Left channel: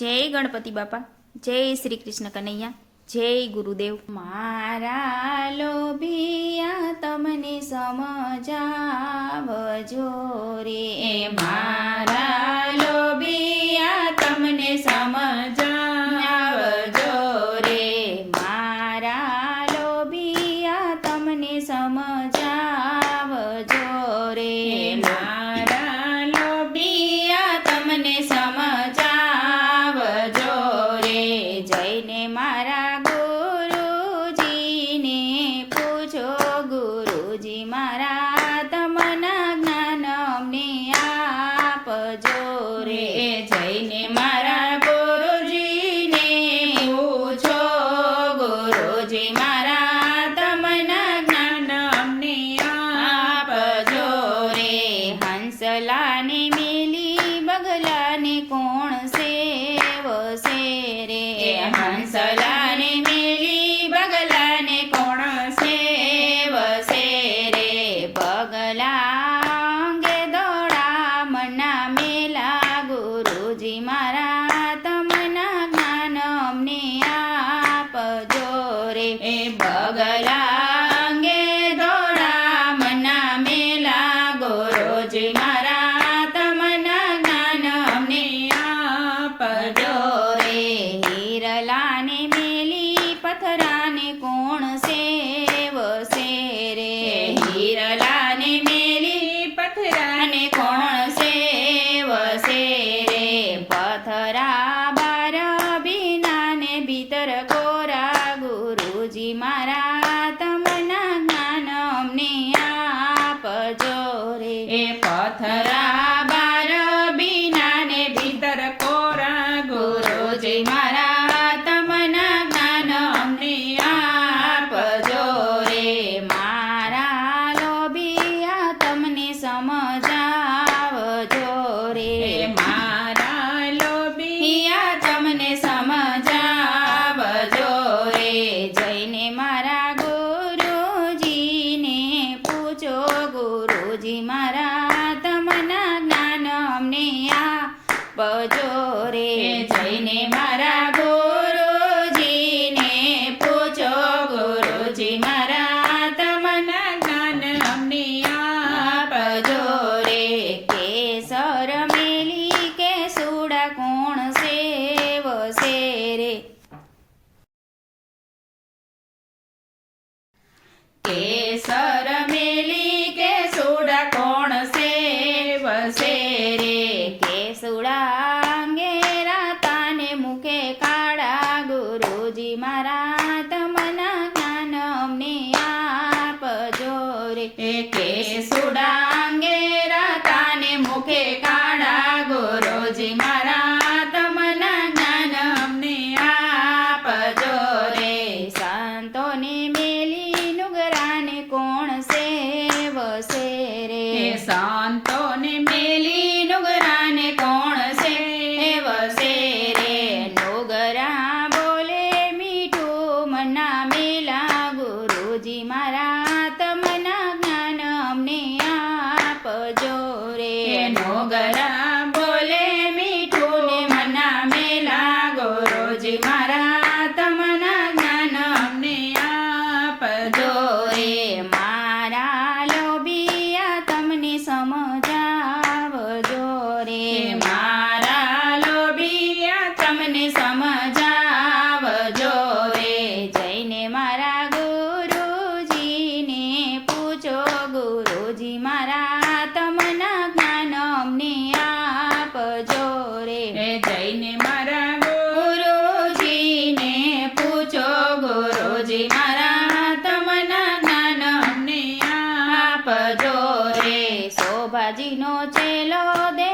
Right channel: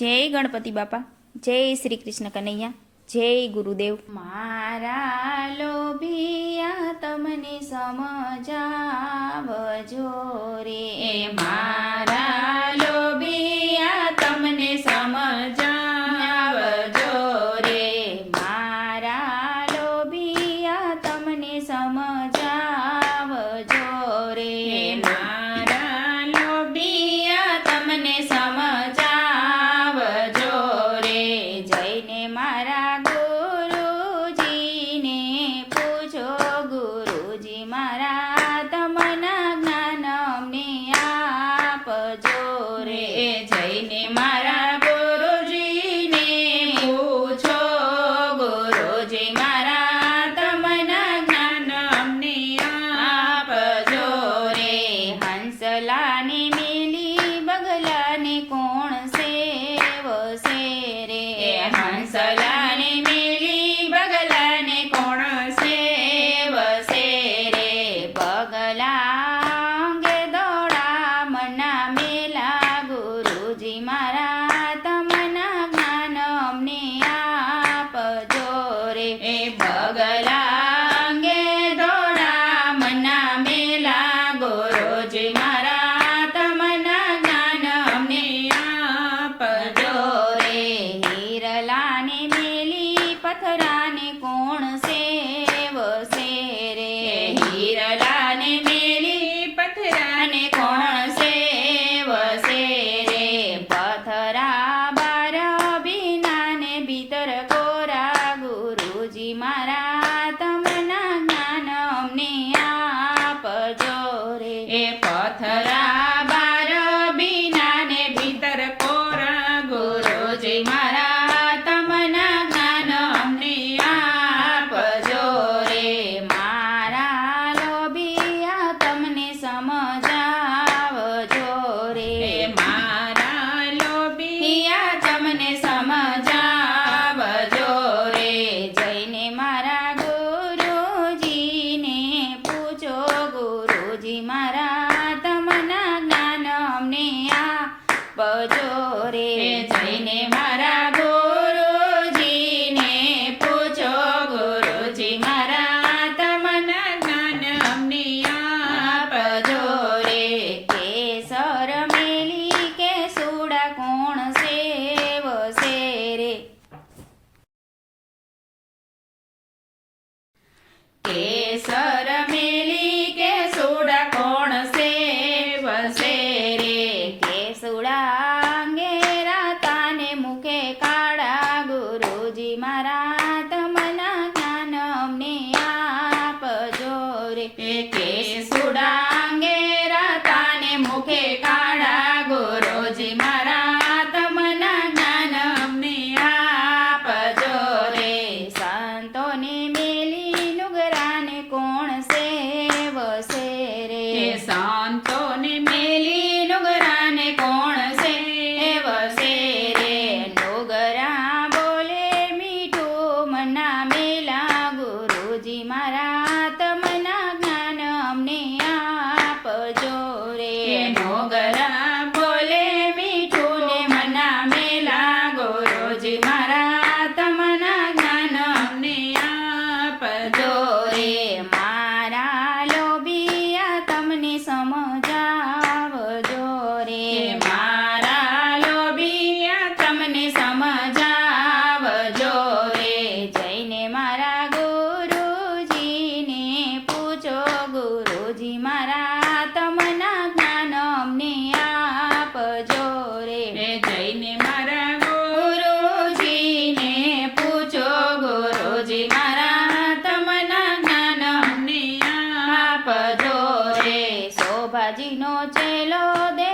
જય ગણપતિ બાપા, જય શ્રી કૃષ્ણ કનૈયા, જય ગુરુદેવ. મારા લોભિયા તમને સમજાવજો રે, મારા લોભિયા તમને સમજાવજો રે, મારા લોભિયા તમને સમજાવજો રે, મારા લોભિયા તમને સમજાવજો રે. જઈને મારા ગુરુજીને પૂછો, ગુરુજી મારા તમના જ્ઞાન અમને આપજો રે. જઈને મારા ગુરુજીને પૂછો, ગુરુજી મારા તમના જ્ઞાન અમને આપજો રે. હંસલાને મેલી બગલાને કોણ સેવશે રે, હંસલાને મેલી બગલાને કોણ સેવશે રે. બગલા અંગે દોડા મના મેલા, ગુરુજી મારા તમના જ્ઞાન અમને આપજો રે. બગલા અંગે દોડા મના મેલા, ગુરુજી મારા તમના જ્ઞાન અમને આપજો રે. હિરલાને મેલી પથરાને કોણ સેવશે રે, હિરલાને મેલી પથરાને કોણ સેવશે રે. પથરા બાર બીનાને ભીતર કોરા, ગુરુજી મારા તમના જ્ઞાન અમને આપજો રે. પથરા બાર બીનાને ભીતર કોરા, ગુરુજી મારા તમના જ્ઞાન અમને આપજો રે. મારા લોભિયા તમને સમજાવજો રે, મારા લોભિયા તમને સમજાવજો રે. જઈને મારા ગુરુજીને પૂછો, ગુરુજી મારા તમના જ્ઞાન અમને આપજો રે. જઈને મારા ગુરુજીને પૂછો, ગુરુજી મારા તમના જ્ઞાન અમને આપજો રે. કેસર મેલી કેસુડા કોણ સેવશે રે, કેસર મેલી કેસુડા કોણ સેવશે રે. કેસુડા અંગે રાતાને મુખે કાળા, ગુરુજી મારા તમના જ્ઞાન અમને આપજો રે. કેસુડા અંગે રાતાને મુખે કાળા, ગુરુજી મારા તમના જ્ઞાન અમને આપજો રે. સંતોને મેલી નુગરાને કોણ સેવશે રે, સંતોને મેલી નુગરાને કોણ સેવશે રે. નુગરા બોલે મીઠું મના મેલા, ગુરુજી મારા તમના જ્ઞાન અમને આપજો રે. નુગરા બોલે મીઠું ને મના મેલા, ગુરુજી મારા તમના જ્ઞાન અમને આપજો રે. મારા લોભિયા તમને સમજાવજો રે, મારા લોભિયા તમને સમજાવજો રે. જઈને મારા ગુરુજીને પૂછો, ગુરુજી મારા તમના જ્ઞાન અમને આપજો રે. જઈને મારા ગુરુજીને પૂછો, ગુરુજી મારા તમના જ્ઞાન અમને આપજો રે. શોભાજીનો ચેલો દે